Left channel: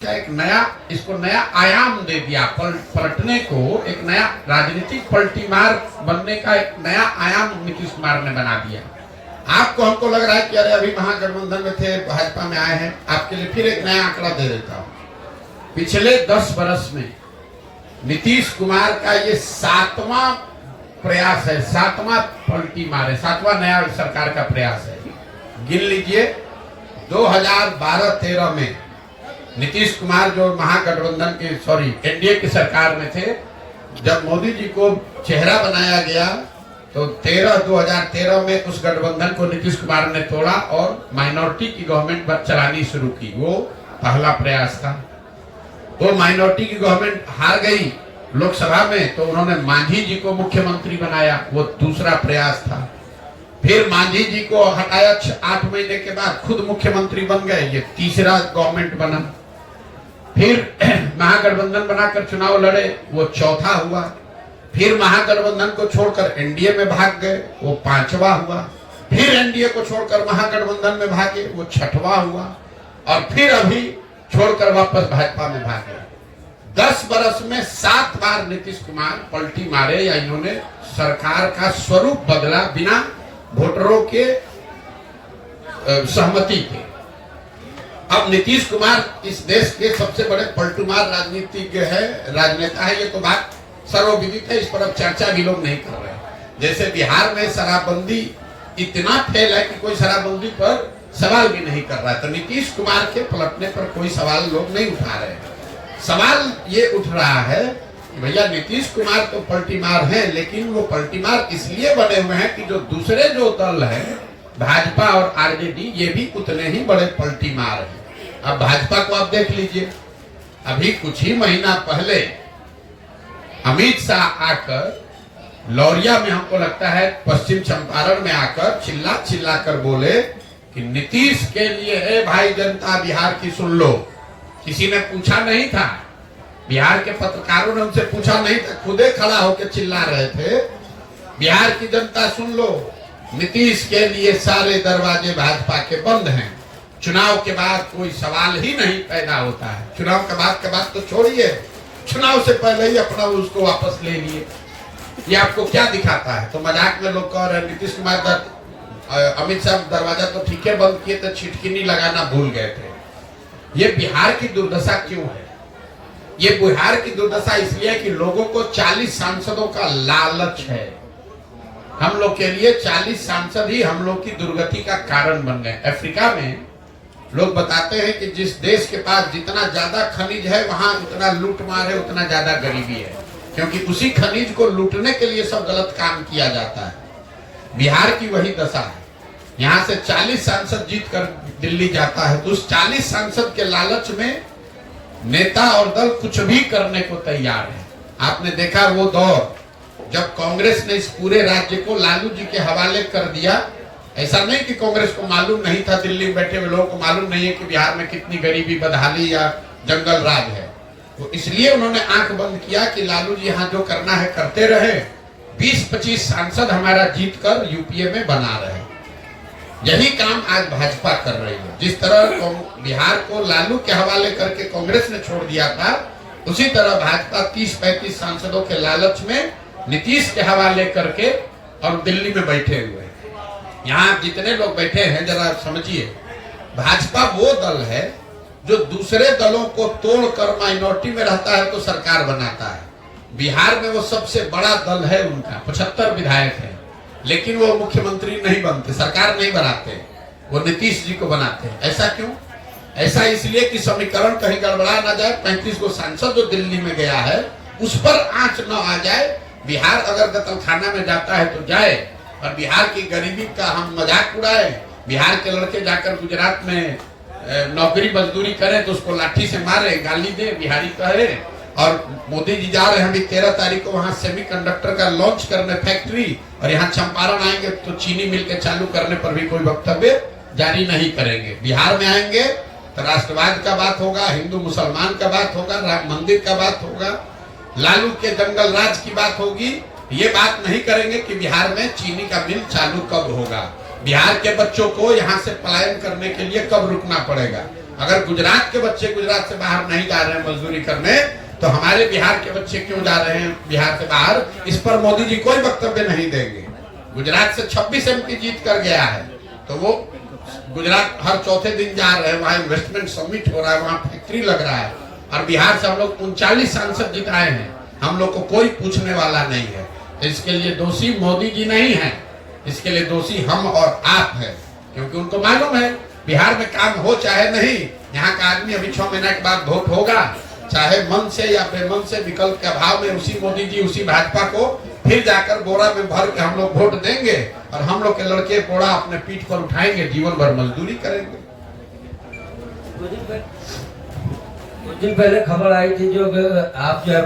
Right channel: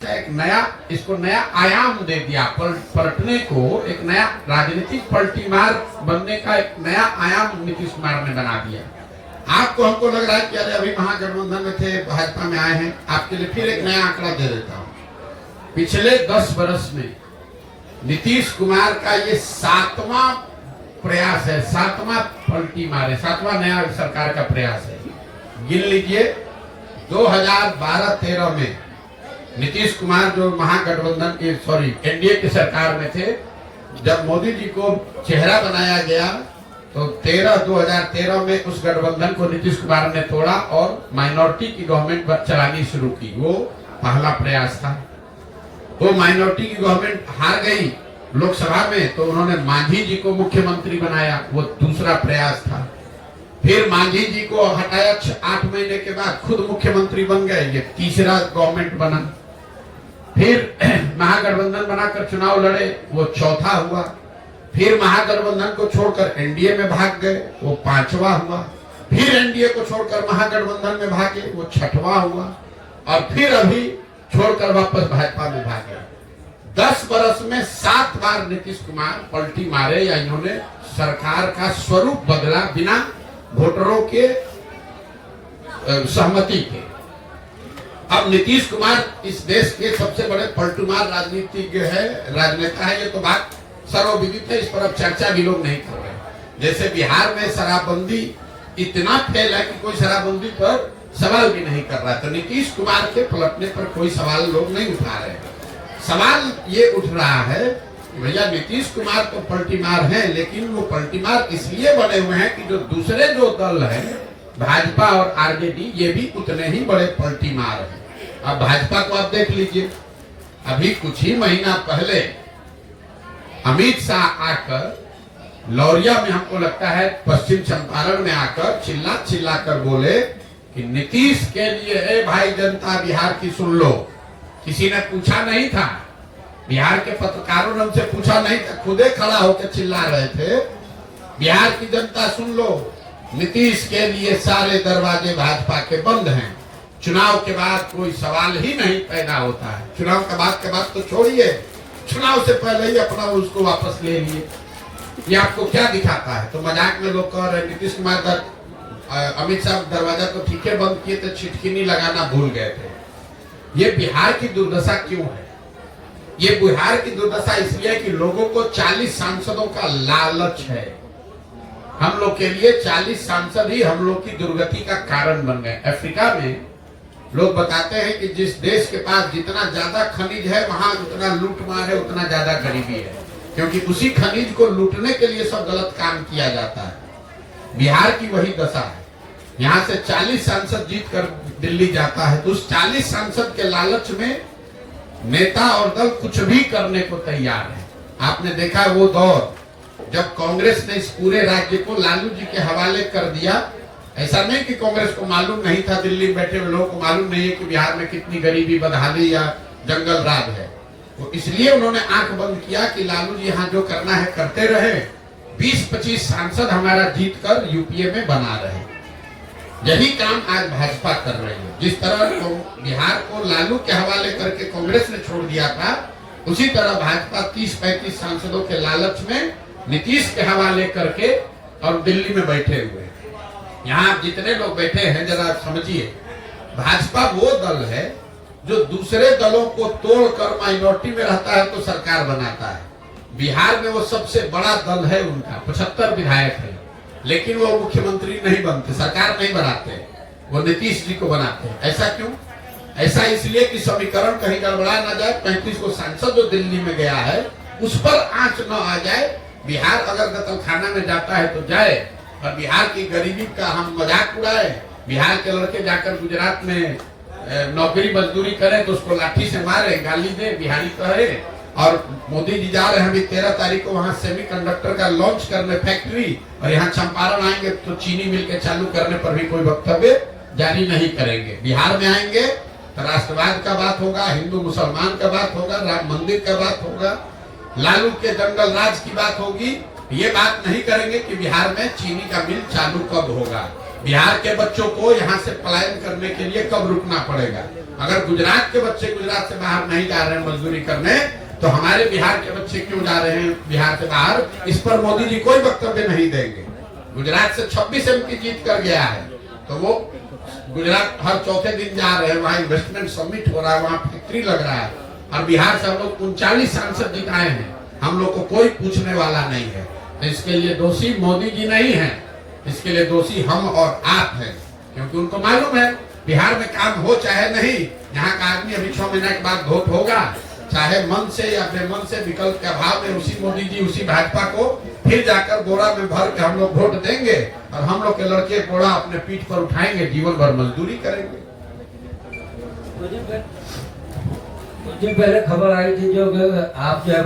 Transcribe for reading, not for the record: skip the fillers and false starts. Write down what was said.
एक नया इसको नया आयाम दे दिया, पलटने को एक नया राजनीतिक पलटीमार बनने का एक नया आयाम नीतीश कुमार ने बना दिया। आपको हमको लग रहा है कि अरे अभी महागठबंधन में थे, भाजपा में आए हैं। आपके लिए फिर एक नया आंकड़ा दे देता हूं। पिछले 10 वर्ष में नीतीश कुमार का ये 7वां प्रयास है, 7वां पलटी मारे, 7वां नया सरकार का प्रयास है। गिन लीजिए, 2012-13 में नीतीश कुमार जो महागठबंधन की एनडीए की सरकार में थे, जब मोदी जी को चेहरा बनाया गया तो 2013 में उस गठबंधन को नीतीश कुमार ने तोड़ा और माइनॉरिटी की गवर्नमेंट चलानी शुरू की। वो पहला प्रयास था। वो माइनॉरिटी की गवर्नमेंट हार गई लोकसभा में, तो उन्होंने मांझी जी को मुख्यमंत्री बनाया। वो दूसरा प्रयास था। फिर मांझी जी को हटाया, 8 महीने के बाद खुद मुख्यमंत्री बन गए। ये तीसरा गवर्नमेंट बना। फिर महागठबंधन बनाकर चुनाव लड़े, वो चौथा हुआ। फिर महागठबंधन को छोड़कर एनडीए में भाग गए, वो 5वां हुआ। फिर एनडीए को छोड़कर महागठबंधन में भागे, वो 6वां हुआ। और फिर अभी छोड़कर वापस भाजपा में भागे। 10 वर्ष में 7 बार नीतीश कुमार पलटी मारे, या इन्होंने सरकार का स्वरूप बदला बिना वोटरों के सहमति के। अब नीतीश कुमार इस देश के सबसे बड़े पलटूमार राजनीतिज्ञ है, राजनेता है। ये तो बात सर्वविदित है, इस पर अब चर्चा भी लोग नहीं कर रहे। जैसे बिहार में शराबबंदी इतना फेल है कि कोई शराबबंदी पर सवाल भी नहीं कर रहा, तो नीतीश कुमार के पलटने पर कोई सवाल लोग नहीं उठा रहे। सवाल ये उठ रहा है कि भैया नीतीश कुमार तो पलटीमार हैं, लेकिन वो पलटीमार इसलिए बने हुए हैं कि जो दूसरे जो दल है, भाजपा और आरजेडी, ये भी उतने ही बड़े पलटीमार हैं। अब भाजपा को आप देख लीजिए, अभी कुछ ही महीना पहले अमित शाह आकर लौरिया में, हमको लगता है पश्चिम चंपारण में आकर चिल्ला कर बोले कि नीतीश के लिए है भाई जनता बिहार की सुन लो। किसी ने पूछा नहीं था, बिहार के पत्रकारों ने उनसे पूछा नहीं था, खुदे खड़ा होकर चिल्ला रहे थे, बिहार की जनता सुन लो, नीतीश के लिए सारे दरवाजे भाजपा के बंद हैं। चुनाव के बाद कोई सवाल ही नहीं पैदा होता है। चुनाव के बाद तो छोड़िए, चुनाव से पहले ही अपना उसको वापस ले लिए। ये आपको क्या दिखाता है? तो मजाक में लोग कह रहे हैं नीतीश कुमार अमित शाह दरवाजा तो ठीक है बंद किए थे, छिटकिनी लगाना भूल गए थे। ये बिहार की दुर्दशा क्यों है? ये बिहार की दुर्दशा इसलिए कि लोगों को 40 सांसदों का लालच है। हम लोग के लिए 40 सांसद ही हम लोग की दुर्गति का कारण बन गए। अफ्रीका में लोग बताते हैं कि जिस देश के पास जितना ज्यादा खनिज है, वहां उतना लूटमार है, उतना ज्यादा गरीबी है, क्योंकि उसी खनिज को लूटने के लिए सब गलत काम किया जाता है। बिहार की वही दशा है। यहाँ से 40 सांसद जीत कर दिल्ली जाता है, तो उस 40 सांसद के लालच में नेता और दल कुछ भी करने को तैयार है। आपने देखा वो दौर जब कांग्रेस ने इस पूरे राज्य को लालू जी के हवाले कर दिया। ऐसा नहीं कि कांग्रेस को मालूम नहीं था, दिल्ली में बैठे हुए लोगों को मालूम नहीं है कि बिहार में कितनी गरीबी, बदहाली या जंगल राज है। तो इसलिए उन्होंने आंख बंद किया कि लालू जी यहाँ जो करना है करते रहे, 20-25 सांसद हमारा जीत कर यूपीए में बना रहे। यही काम आज भाजपा कर रही है। जिस तरह बिहार को लालू के हवाले करके कांग्रेस ने छोड़ दिया था, उसी तरह भाजपा 30-35 सांसदों के लालच में नीतीश के हवाले करके और दिल्ली में बैठे हुए। यहाँ जितने लोग बैठे हैं, जरा समझिए, भाजपा वो दल है जो दूसरे दलों को तोड़कर माइनॉरिटी में रहता है तो सरकार बनाता है। बिहार में वो सबसे बड़ा दल है, उनका 75 विधायक है, लेकिन वो मुख्यमंत्री नहीं बनते, सरकार नहीं बनाते, वो नीतीश जी को बनाते हैं। ऐसा क्यों? ऐसा इसलिए कि समीकरण कहीं गड़बड़ा ना जाए। 35 को सांसद जो दिल्ली में गया है, उस पर आंच न आ जाए। बिहार अगर कत्लखाना में जाता है तो जाए, और बिहार की गरीबी का हम मजाक उड़ाए। बिहार के लड़के जाकर गुजरात में नौकरी मजदूरी करें तो उसको लाठी से मारे, गाली दे, बिहारी कहे। और मोदी जी जा रहे हैं अभी 13 तारीख को वहां सेमीकंडक्टर का लॉन्च करने फैक्ट्री, और यहाँ चंपारण आएंगे तो चीनी मिल के चालू करने पर भी कोई वक्तव्य जारी नहीं करेंगे। बिहार में आएंगे तो राष्ट्रवाद का बात होगा, हिंदू मुसलमान का बात होगा, राम मंदिर का बात होगा, लालू के जंगल राज की बात होगी। ये बात नहीं करेंगे कि बिहार में चीनी का मिल चालू कब होगा। बिहार के बच्चों को यहाँ से पलायन करने के लिए कब रुकना पड़ेगा? अगर गुजरात के बच्चे गुजरात से बाहर नहीं जा रहे हैं मजदूरी करने, तो हमारे बिहार के बच्चे क्यों जा रहे हैं बिहार से बाहर? इस पर मोदी जी कोई वक्तव्य नहीं देंगे। गुजरात से 26 MP जीत कर गया है, तो वो गुजरात हर चौथे दिन जा रहे हैं, वहाँ इन्वेस्टमेंट समिट हो रहा है, वहाँ फैक्ट्री लग रहा है, और बिहार से हम लोग 39 सांसद जिताए हैं। हम लोग को कोई पूछने वाला नहीं है। इसके लिए दोषी मोदी जी नहीं है, इसके लिए दोषी हम और आप हैं, क्योंकि उनको मालूम है बिहार में काम हो चाहे नहीं, यहाँ का आदमी अभी 6 महीने के बाद वोट होगा, चाहे मन से या बेमन से, विकल्प के अभाव में उसी मोदी जी उसी भाजपा को फिर जाकर बोरा में भर के हम लोग वोट देंगे, और हम लोग के लड़के कोड़ा अपने पीठ पर उठाएंगे, जीवन भर मजदूरी करेंगे। कुछ दिन पहले खबर आई थी जो आप जो है